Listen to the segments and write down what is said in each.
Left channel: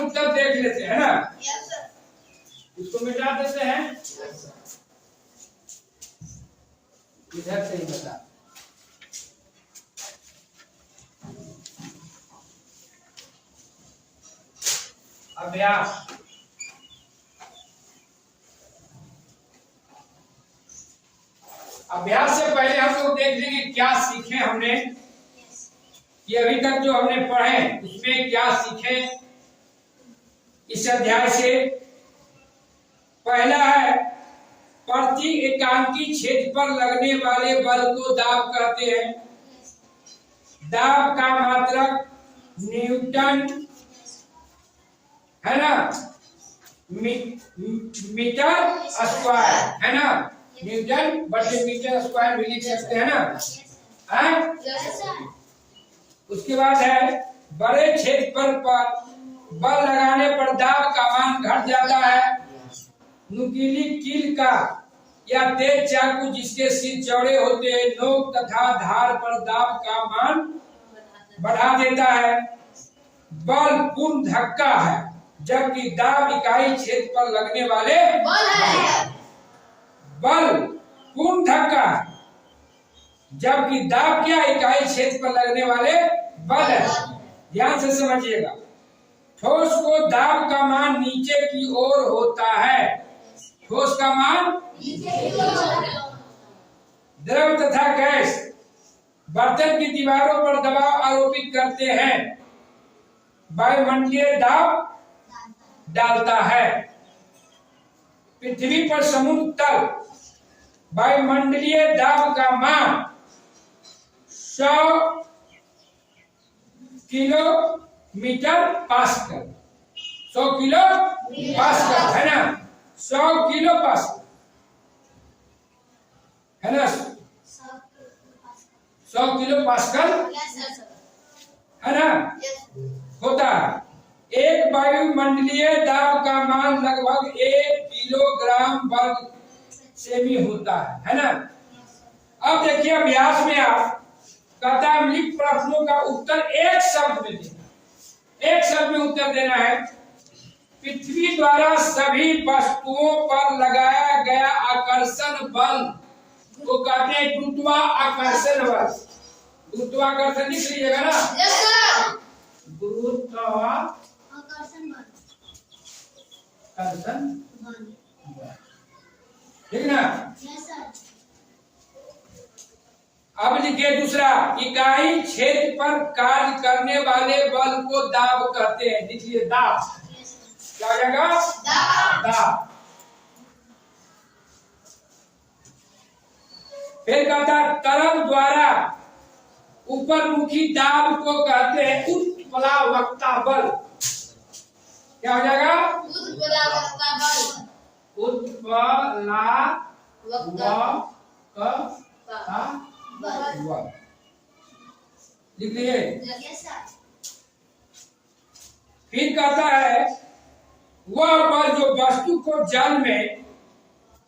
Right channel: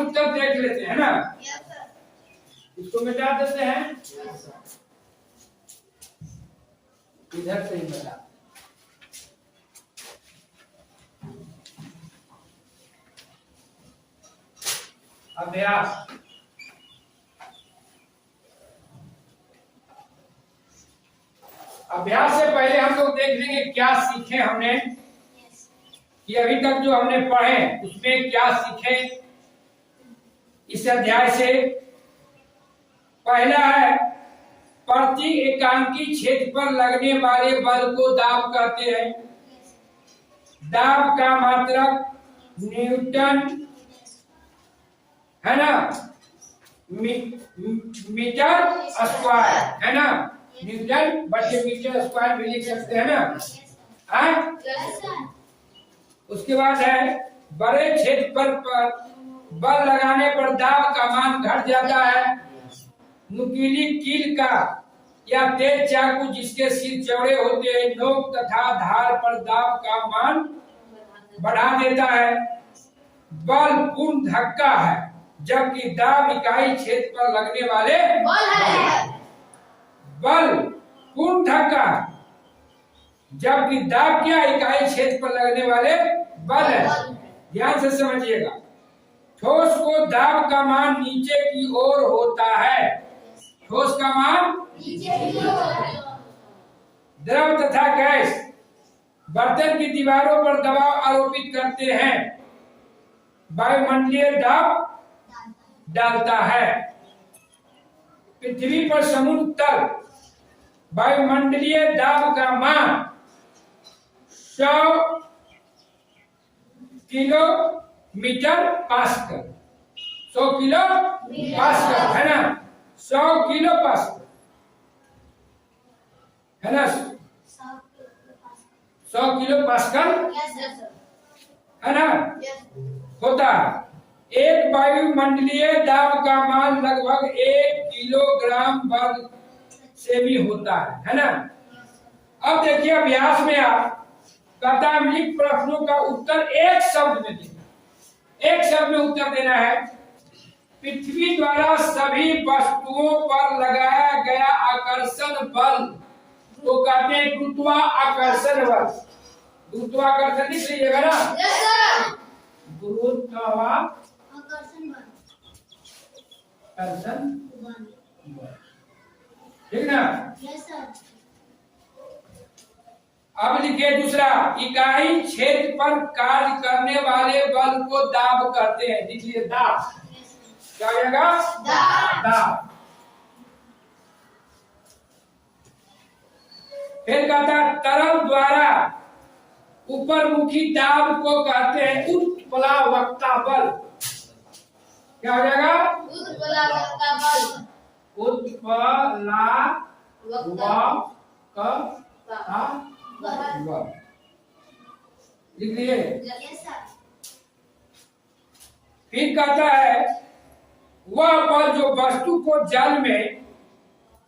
उत्तर देख लेते हैं ना। इसको मिटा देते हैं, इधर से ही मिटा। अभ्यास, अभ्यास से पहले हम लोग देख लेंगे क्या सीखे हमने, कि अभी तक जो हमने पढ़े उसमें क्या सीखे इस अध्याय से। पहला है, प्रति एकांकी क्षेत्र पर लगने वाले बल को दाब कहते हैं। दाब का मात्रक न्यूटन है ना, मीटर स्क्वायर है ना, न्यूटन बटे मीटर स्क्वायर भी लिख सकते हैं ना। उसके बाद है, बड़े क्षेत्र पर बल लगाने पर दाब का मान घट जाता है। नुकीली कील का या तेज चाकू जिसके सिर चौड़े होते हैं, नोक तथा धार पर दाब का मान बढ़ा देता है। बल पूर्ण धक्का है, जबकि दाब इकाई क्षेत्र पर लगने वाले बल पूर्ण धक्का है, जबकि दाब क्या इकाई क्षेत्र पर लगने वाले बल है। ध्यान से समझिएगा। ठोस को दाब का मान नीचे की ओर होता है। ठोस का मान नीचे की ओर। द्रव तथा गैस बर्तन की दीवारों पर दबाव आरोपित करते हैं, वायुमंडलीय दाब डालता है। पृथ्वी पर समुद्र तल वायुमंडलीय दाब का मान 100 किलोमीटर पास्कल, 100 किलो पास्कल है ना, 100 किलो पास्कल है ना, 100 किलो पास्कल है ना होता है। एक वायुमंडलीय दाब का मान लगभग 1 किलोग्राम वर्ग से भी होता है ना। अब देखिए अभ्यास में आप कथामलिक प्रश्नों का उत्तर एक शब्द में देना, एक शब्द में उत्तर देना है। पृथ्वी द्वारा सभी वस्तुओं पर लगाया गया आकर्षण बल को कहते हैं गुरुत्वाकर्षण बल। गुरुत्वाकर्षण लिख लीजिएगा ना, गुरुत्वाकर्षण बल, ठीक ना। अब लिखिए दूसरा, इकाई क्षेत्र पर कार्य करने वाले बल को दाब कहते हैं। लिखिए दाब, क्या हो जाएगा? दाब। फिर कहता है तरल द्वारा ऊपरमुखी दाब को कहते हैं उत्प्लावकता बल। क्या हो जाएगा? उत्प्लावकता बल। लिख लीजिए। फिर कहता है वह बल जो वस्तु को जल में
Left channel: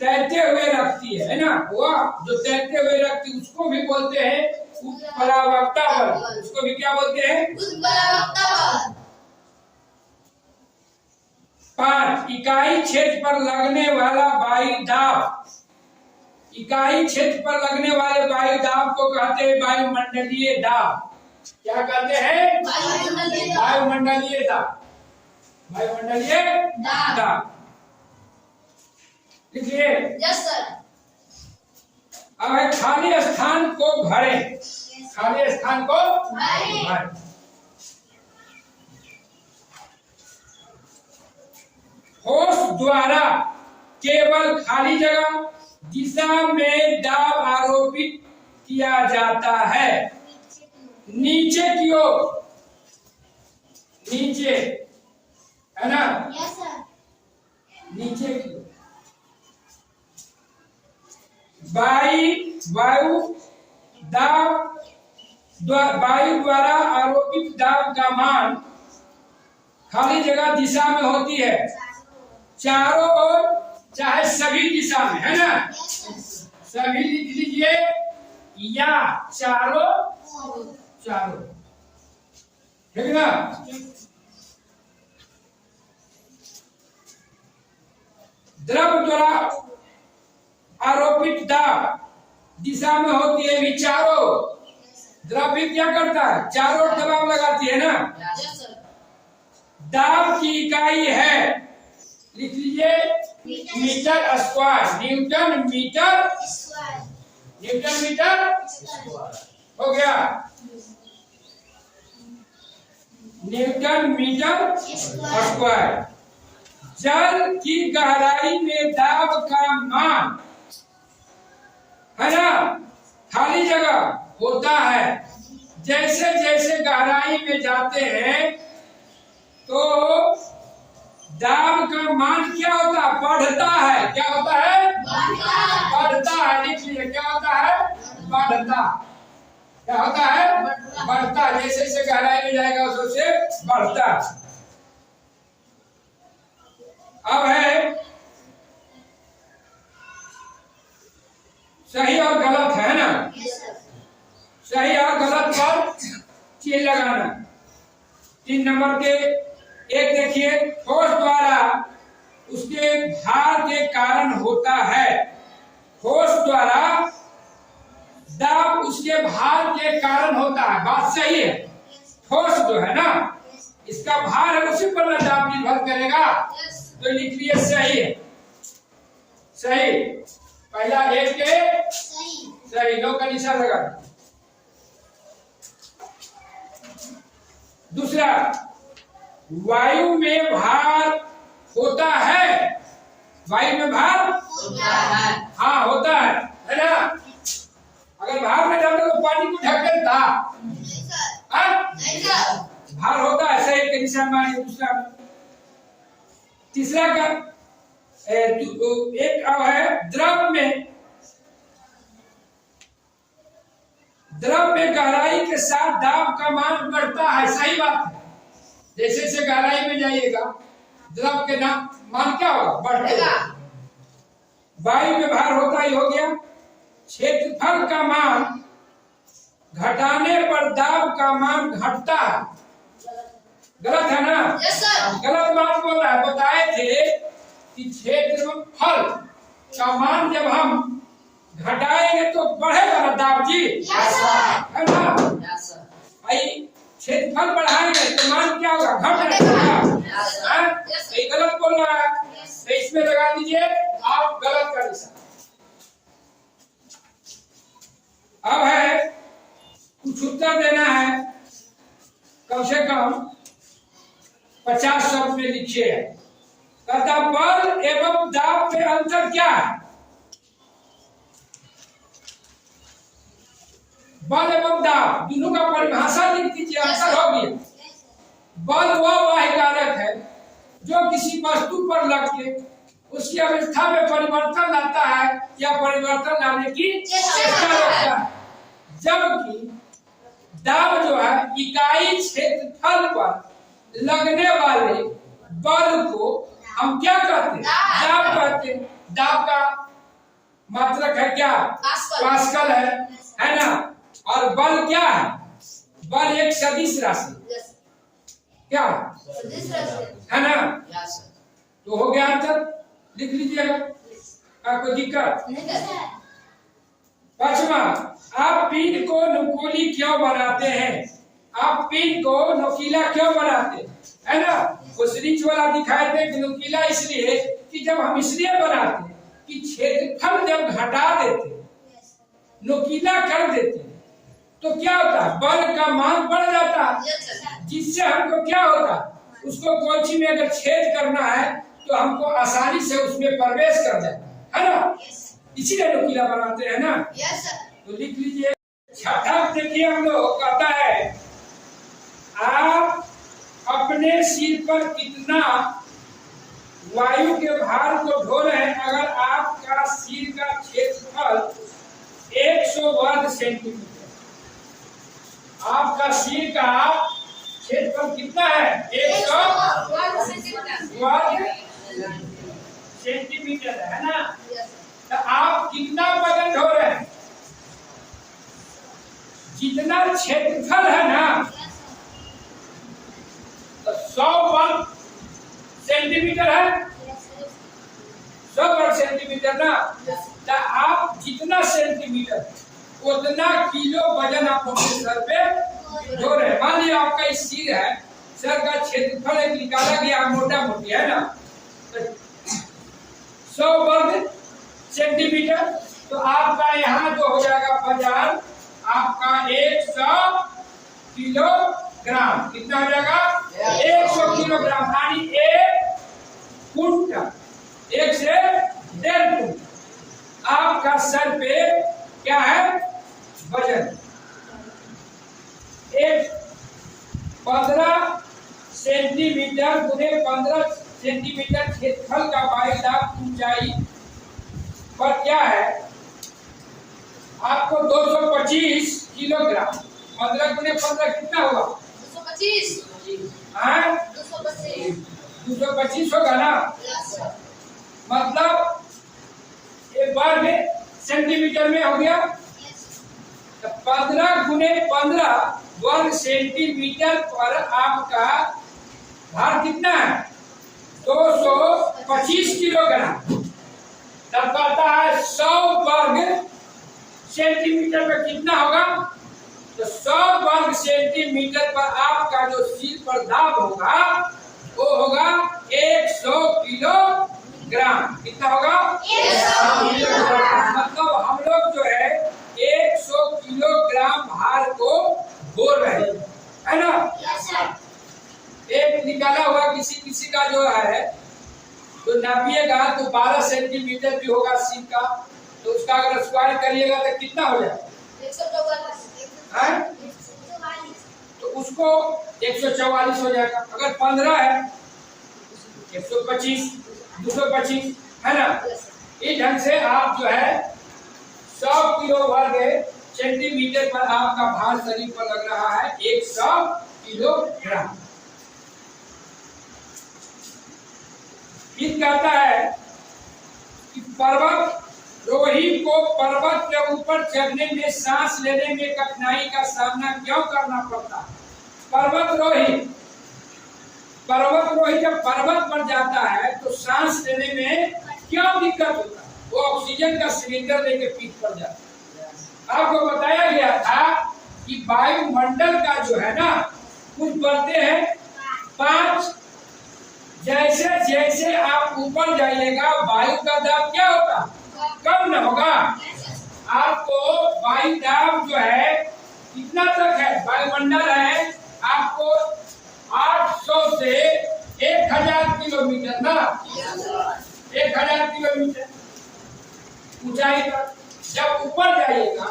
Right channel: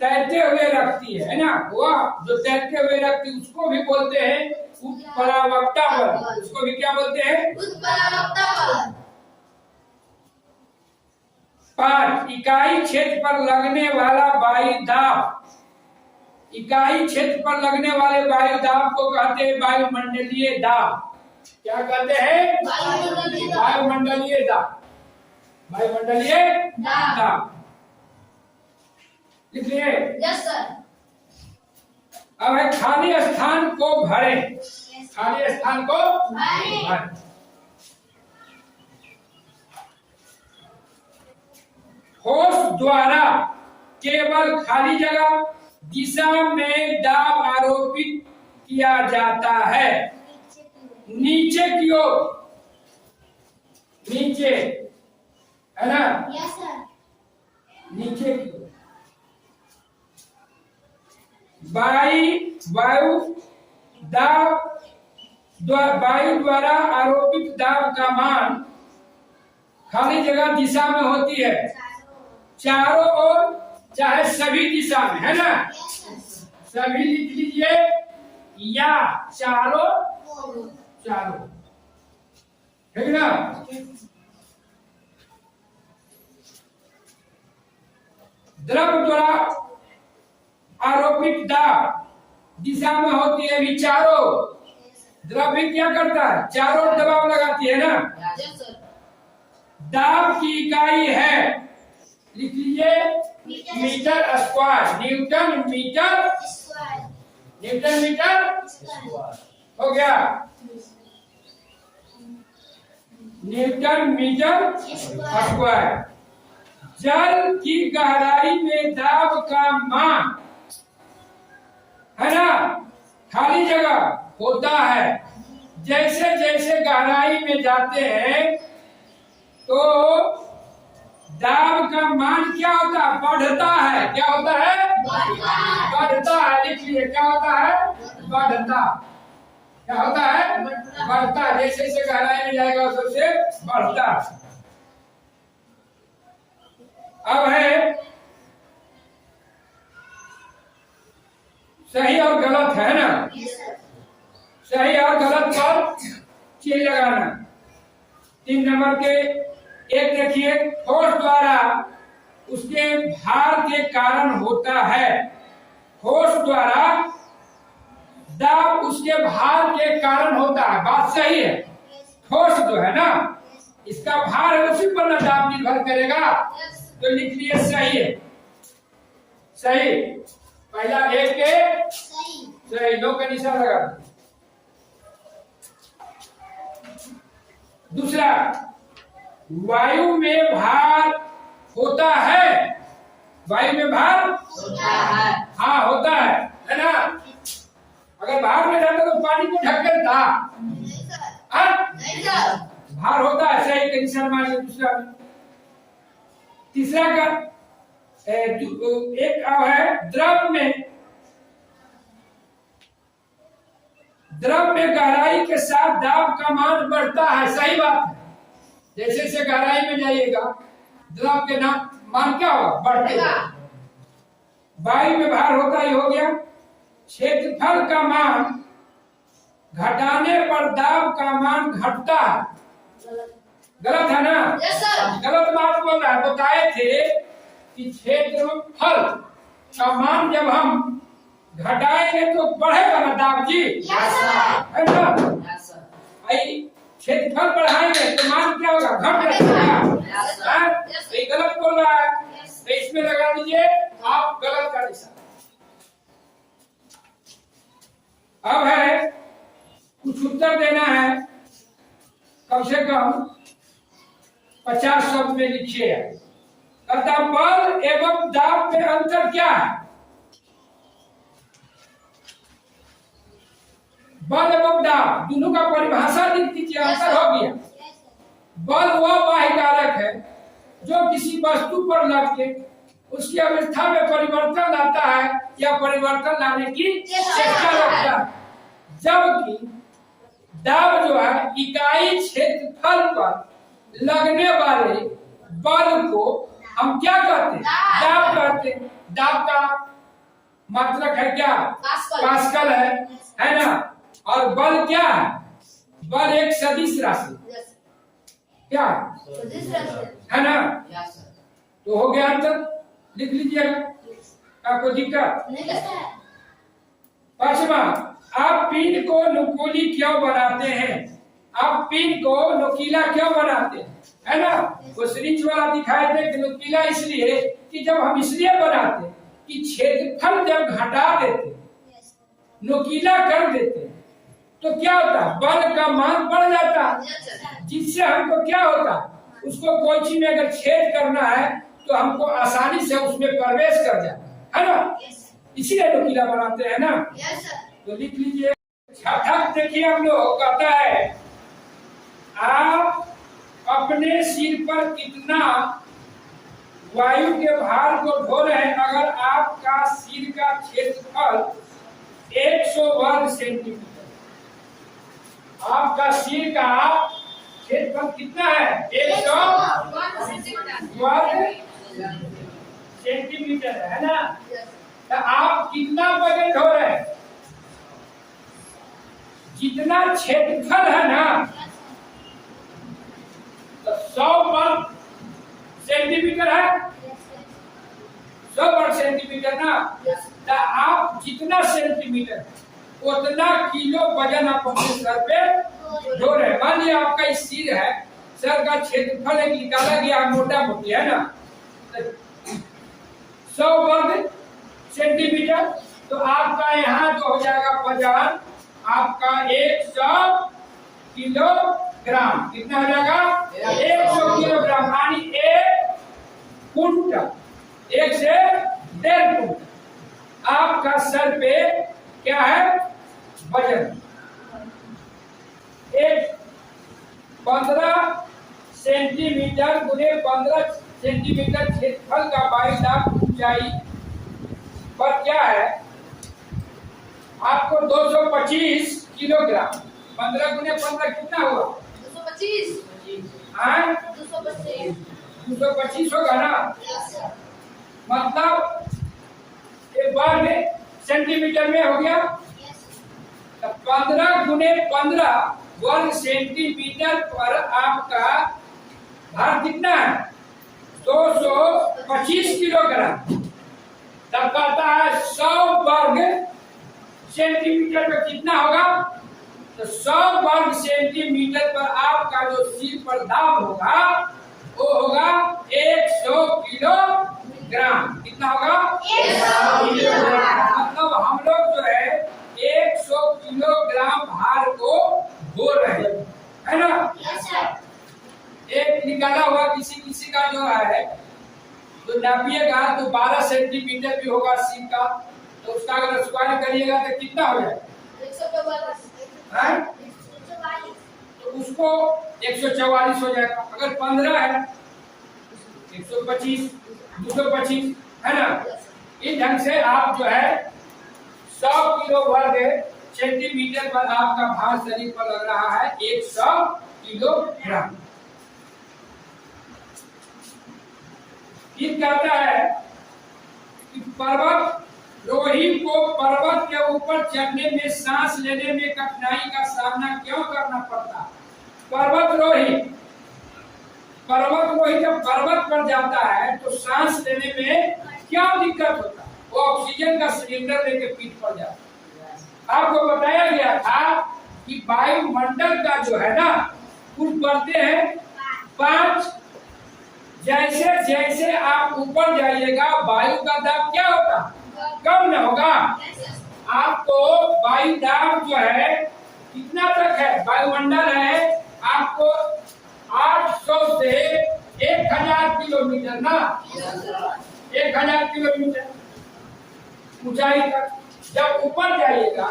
तैरते हुए रखती है ना, वह जो तैरते हुए रखती उसको भी बोलते हैं उत्प्लावकता बल। उसको भी क्या बोलते हैं? उत्प्लावकता बल। 5 इकाई क्षेत्र पर लगने वाला वायु दाब। इकाई क्षेत्र पर लगने वाले वायु दाब को कहते हैं वायुमंडलीय दाब। क्या कहते हैं? वायुमंडलीय दाब। वायुमंडलीय दाब लिखिए। Yes sir. अब है खाली स्थान को भरें। खाली स्थान को भरें। ठोस द्वारा केवल खाली जगह दिशा में दाब आरोपित किया जाता है। नीचे की ओर, नीचे है ना? Yes sir. नीचे की ओर वायु दाब, वायु द्वारा आरोपित दाब का मान खाली जगह दिशा में होती है, चारों ओर चाहे सभी दिशा में, है ना? सभी लिख लीजिए या चारों, चारों, ठीक ना। द्रव द्वारा आरोपित दाब दिशा में होती है विचारों। द्रव भी क्या करता है, चारों दबाव लगाती है ना। दाब की इकाई है, लिख लीजिए, metre square, newton metre square, newton metre square हो गया, न्यूटन मीटर स्क्वायर। जल की गहराई में दाब का मान है ना, खाली जगह होता है। जैसे जैसे गहराई में जाते हैं तो दाब का मान क्या होता है, बढ़ता है। क्या होता है, बढ़ता है। लिख लीजिए, क्या होता है, बढ़ता। क्या होता है, बढ़ता। जैसे जैसे गहराई में जाएगा उससे बढ़ता। अब है सही और गलत, है ना। सही और गलत पर चिन्ह लगाना। 3 नंबर के एक देखिए, ठोस द्वारा उसके भार के कारण होता है। ठोस द्वारा दाब उसके भार के कारण होता है। बात सही है। ठोस जो है ना, इसका भार है, उसी पर ना दाब निर्भर करेगा। तो लिख लिए सही है। सही, पहला एक के सही, 2 का निशान लगा। दूसरा, वायु में भार होता है। वायु में भार होता है, हाँ होता है ना। अगर भार में जाता तो पानी को ढक्कन था, भार होता है। सही का निशान मारिए। दूसरा, तीसरा का एक अब है, द्रव में गहराई के साथ दाब का मान बढ़ता है। सही बात है। जैसे जैसे गहराई में जाइएगा द्रव के मान क्या होगा, बढ़ेगा। वायु में भार होता ही हो गया। क्षेत्रफल का मान घटाने पर दाब का मान घटता है। गलत है ना। गलत बात बोल रहा है। बताए थे कि क्षेत्रफल का मान जब हम घटाएंगे तो बढ़ेगा ना दाब जी, है ना। क्षेत्रफल बढ़ाएंगे तो मान क्या होगा, घट जाएगा। ये गलत बोल रहा है, तो इसमें लगा दीजिए आप गलत का निशान। अब है कुछ उत्तर देना है, कम से कम 50 शब्द में लिखिए। तथा बल एवं दाब में अंतर क्या है। बल एवं दाब दोनों का परिभाषा लिख दीजिए, अंतर हो गया। बल वह बाह्य कारक है जो किसी वस्तु पर लग के उसकी अवस्था में परिवर्तन लाता है या परिवर्तन लाने की चेष्टा करता है। जबकि दाब जो है इकाई क्षेत्रफल पर लगने वाले बल को हम क्या कहते हैं, दाब कहते हैं। दाब का मतलब है क्या, पास्कल है ना। और बल क्या है, बल एक सदिश राशि, क्या है ना। तो हो गया आंसर, लिख लीजिएगा, आपको दिक्कत। 5वां, आप पिन को नुकीली क्यों बनाते हैं। आप पिन को नुकीला क्यों बनाते हैं, है ना। वो सिरिंज वाला दिखाए थे कि नुकीला इसलिए कि जब हम इसलिए बनाते हैं कि क्षेत्रफल जब घटा देते, नुकीला कर देते तो क्या होता है, बल का मान बढ़ जाता है। जिससे हमको क्या होता है, उसको कोई चीज में अगर छेद करना है तो हमको आसानी से उसमें प्रवेश कर जाता है ना। इसीलिए नुकीला बनाते हैं ना। तो लिख लीजिए। छठा देखिए, हम लोग कहता है आप अपने सिर पर कितना वायु के भार को ढो रहे हैं। अगर आपका सिर का क्षेत्रफल 100 वर्ग सेंटीमीटर, आपका सिर का क्षेत्रफल कितना है, 100 वर्ग सेंटीमीटर है ना। तो आप कितना वजन ढो रहे हैं, जितना क्षेत्रफल है ना, तो 100 वर्ग सेंटीमीटर है। 100 वर्ग सेंटीमीटर ना, तो आप जितना सेंटीमीटर उतना किलो वजन आप अपने सर पे ढो रहे। मान लिया आपका इस सिर है, सर का क्षेत्रफल एक निकाला गया मोटा मोटी है ना, 100 वर्ग सेंटीमीटर, तो आपका यहाँ जो हो जाएगा वजन आपका 100 किलोग्राम। कितना हो जाएगा? 100 किलोग्राम, यानी 1 कुंटल, 1 से 1.5 कुंटल आपका सर पे क्या है वजन। 15 सेंटीमीटर गुने 15 सेंटीमीटर क्षेत्रफल का वायुदाब ऊंचाई पर क्या है आपको 225 किलोग्राम। 15 गुने 15 कितना हुआ? 225। 225 होगा ना, मतलब एक बार में सेंटीमीटर में हो गया। तो 15 गुने 15 वर्ग सेंटीमीटर पर आपका भार कितना है? 225 किलोग्राम। तब कहता है 100 वर्ग सेंटीमीटर में कितना होगा? तो 100 वर्ग सेंटीमीटर पर आपका जो सिर पर दाब होगा वो होगा 100 किलोग्राम। कितना होगा? 100 किलोग्राम। मतलब हम लोग जो है 100 किलोग्राम भार को ढो रहे है ना। एक निकाला हुआ किसी का जो है तो नापिएगा तो 12 सेंटीमीटर भी होगा सिर का, तो उसका अगर स्क्वायर करिएगा तो कितना हो जाएगा? 144। तो उसको 144 हो जाएगा। अगर 15 है 125, 225 है ना। इस ढंग से आप जो है 100 किलो वर्ग सेंटीमीटर पर आपका भार शरीर पर लग रहा है 100 किलोग्राम। फिर कहता है कि पर्वतारोही को पर्वत के ऊपर चढ़ने में सांस लेने में कठिनाई का सामना क्यों करना पड़ता है? पर्वतारोही जब पर्वत पर जाता है तो सांस लेने में क्यों दिक्कत होता है? वो ऑक्सीजन का सिलेंडर लेके पीठ पर जाता है। आपको बताया गया था कि वायुमंडल का जो है ना कुछ बढ़ते हैं 5। जैसे जैसे आप ऊपर जाइएगा वायु का दाब क्या होता? कम न होगा। आपको वायु दाब जो है कितना तक है? वायुमंडल है आपको 800 से 1000 किलोमीटर ना, 1000 किलोमीटर ऊंचाई तक। जब ऊपर जाइएगा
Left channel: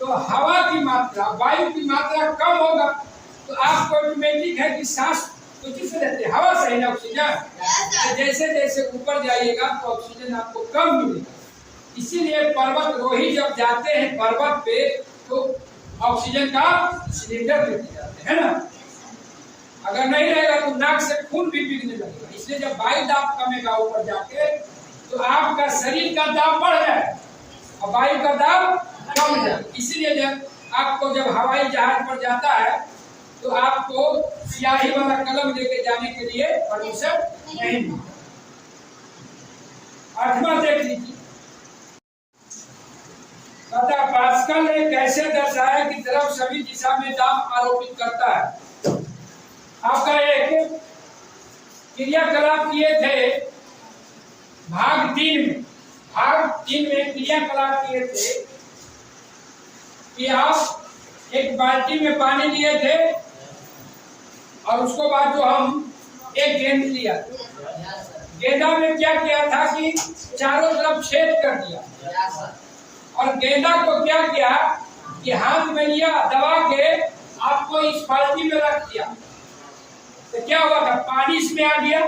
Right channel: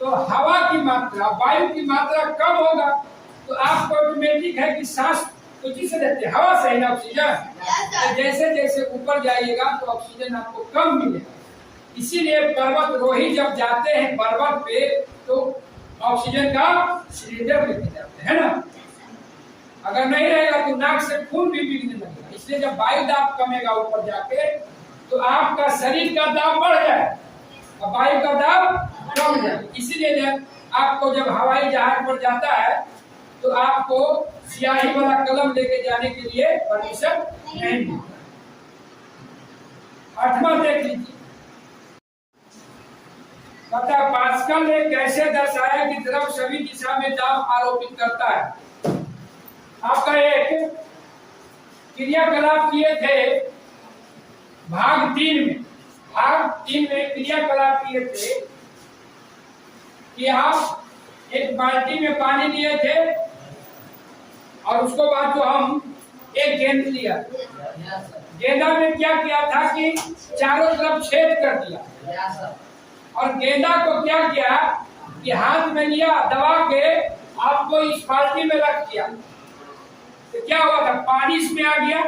तो हवा की मात्रा, वायु की मात्रा कम होगा, तो आपको ऑटोमेटिक है कि सांस तो किससे लेते हैं? हवा से ही ना, ऑक्सीजन। जैसे जैसे ऊपर जाइएगा तो ऑक्सीजन आपको कम मिलेगा। इसीलिए पर्वतारोही जब जाते हैं पर्वत पे तो ऑक्सीजन का सिलेंडर लेके जाते हैं ना। अगर नहीं रहेगा तो नाक से खून भी बिगड़ने लगेगा। इसलिए जब वायु दाब कमेगा ऊपर जाके तो आपका शरीर का दाब बढ़ जाए और वायु का दाब कम जाए। इसीलिए जब आपको जब हवाई जहाज पर जाता है तो आपको स्याही वाला कलम लेके जाने के लिए परमिशन नहीं मिलता। 8वां देख लीजिए। पता पास्कल ने कैसे दर्शाया कि द्रव सभी दिशा में दाब आरोपित करता है। आपका एक क्रियाकलाप किए थे भाग 3 में क्रियाकलाप किए थे कि आप एक बाल्टी में पानी लिए थे और उसको बाद जो हम एक गेंद लिया, गेंदा में क्या किया था कि चारों तरफ छेद कर दिया और गेंदा को क्या किया कि हाथ में लिया दबा के आपको इस बाल्टी में रख दिया। तो क्या हुआ था? पानी इसमें आ गया।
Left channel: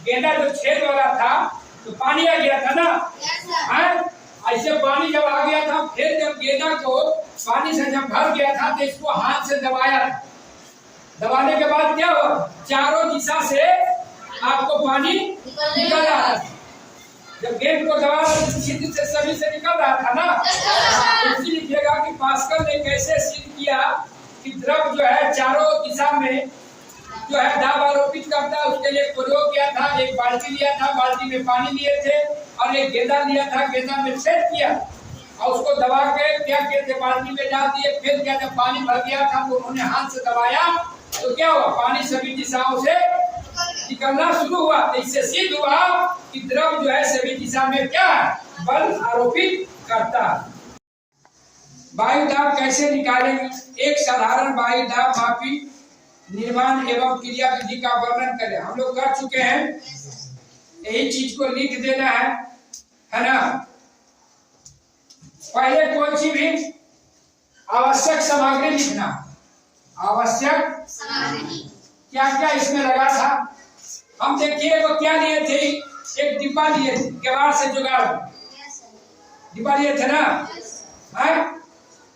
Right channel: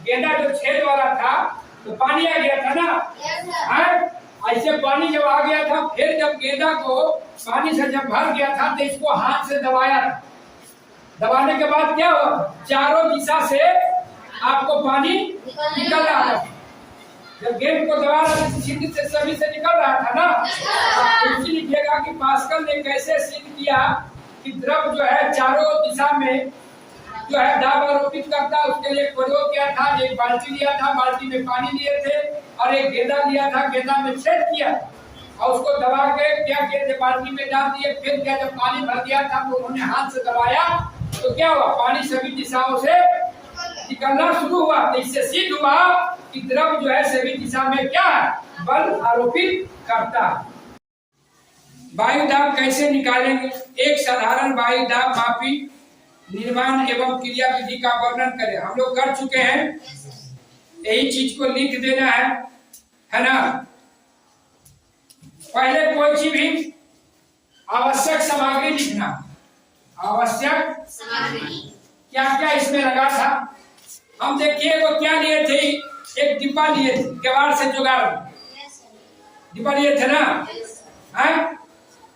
गेंदा जो छेद वाला था तो पानी आ गया था ना। ऐसे पानी जब आ गया था, फिर जब गेंदा को पानी से जब भर गया था तो इसको हाथ से दबाया था। दबाने के बाद क्या हुआ? चारों दिशा से आपको पानी निकल रहा था। जब गेंद को दबा रहा था सिद्ध से सभी से निकल रहा था ना। तो इसी लिखिएगा कि पास्कल ने कैसे सिद्ध किया कि द्रव जो है चारों दिशा में जो है दाब आरोपित करता है। उसके लिए प्रयोग किया था एक बाल्टी लिया था, बाल्टी में पानी लिए थे और एक गेंदा लिया था, गेंदा में छेद किया और उसको दबा के क्या किए थे, बाल्टी में डाल दिए। फिर क्या, जब पानी भर गया था तो उन्होंने हाथ से दबाया तो क्या हुआ, पानी सभी दिशाओं से निकलना शुरू हुआ। तो इससे सिद्ध हुआ कि द्रव जो है सभी दिशा में क्या है, बल आरोपित करता है। वायु दाब कैसे निकालेंगे? एक साधारण वायु दाब मापी निर्माण एवं क्रिया विधि का वर्णन करें। हम लोग कर चुके हैं, यही चीज को लिख देना है ना। पहले कोई चीज भी आवश्यक सामग्री लिखना। आवश्यक सामग्री क्या क्या इसमें लगा था, हम देखिए वो क्या लिए थे, एक डिब्बा लिए थे, केवाड़ से जुगाड़ डिब्बा लिए थे ना।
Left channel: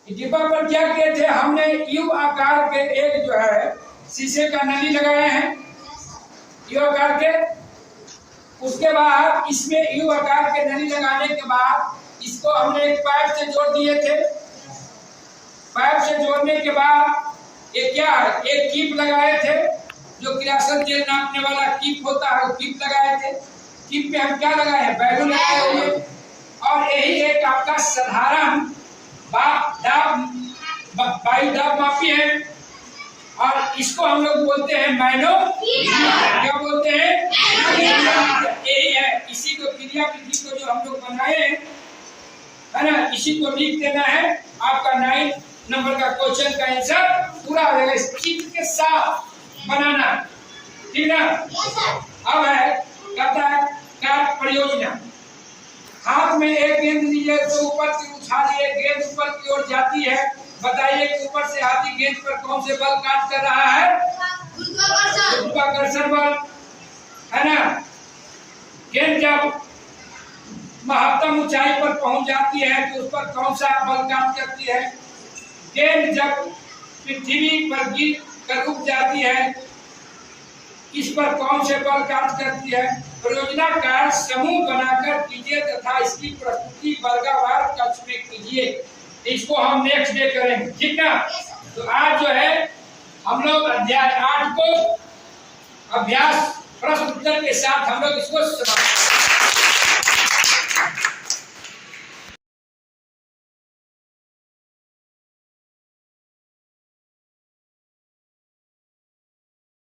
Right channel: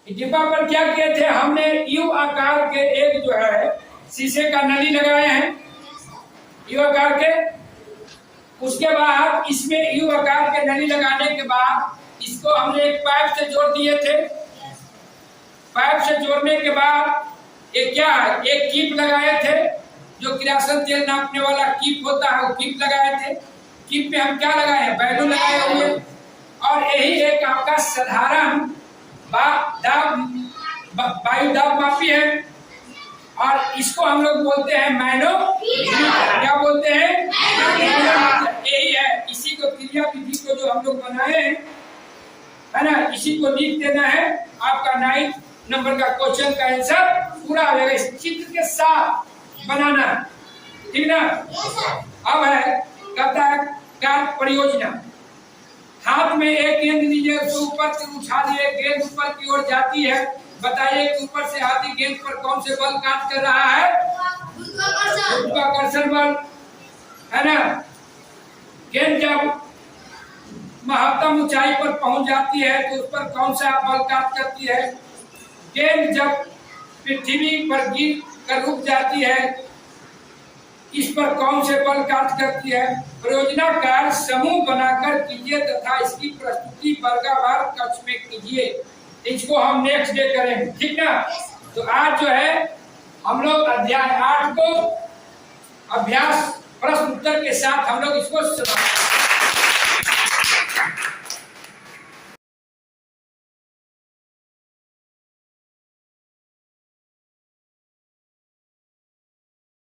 डिब्बा पर क्या किए थे, हमने यू आकार के एक जो है शीशे का नली लगाए हैं, यू आकार के। उसके बाद इसमें यू आकार के नली लगाने के बाद इसको हमने एक पाइप से जोड़ दिए थे। पाइप से जोड़ने के बाद ये क्या है, एक कीप लगाए थे, जो किरासन तेल नापने वाला कीप होता है वो कीप लगाए थे। कीप में हम क्या लगाए हैं, बैलून लगाए हुए। और यही एक आपका साधारण वायु दाब मापी है और इसको हम लोग बोलते हैं मैनोमीटर। क्या बोलते हैं, यही है। इसी को क्रिया विधि को जो हम लोग बनाए है ना, इसी को लिख देना है। आपका 9 नंबर का क्वेश्चन का आंसर पूरा हो जाएगा। इस चित्र के साथ बनाना, ठीक ना। अब है कहता है कार्य परियोजना। हाथ में एक गेंद लीजिए, तो ऊपर से उछालिए, गेंद ऊपर की ओर जाती है। बताइए कि ऊपर से हाथी गेंद पर कौन से बल कार्य कर रहा है, गुरुत्वाकर्षण बल, है ना। गेंद जब महत्तम ऊंचाई पर पहुंच जाती है तो उस पर कौन सा बल कार्य करती है। गेंद जब पृथ्वी पर गिर कर रुक जाती है, इस पर कौन से बल कार्य करती है। परियोजना कार्य समूह बनाकर कीजिए तथा इसकी प्रस्तुति वर्गावार कक्ष में कीजिए। इसको हम नेक्स्ट डे करेंगे, ठीक ना। तो आज जो है हम लोग अध्याय 8 को अभ्यास प्रश्न उत्तर के साथ हम लोग इसको समाप्त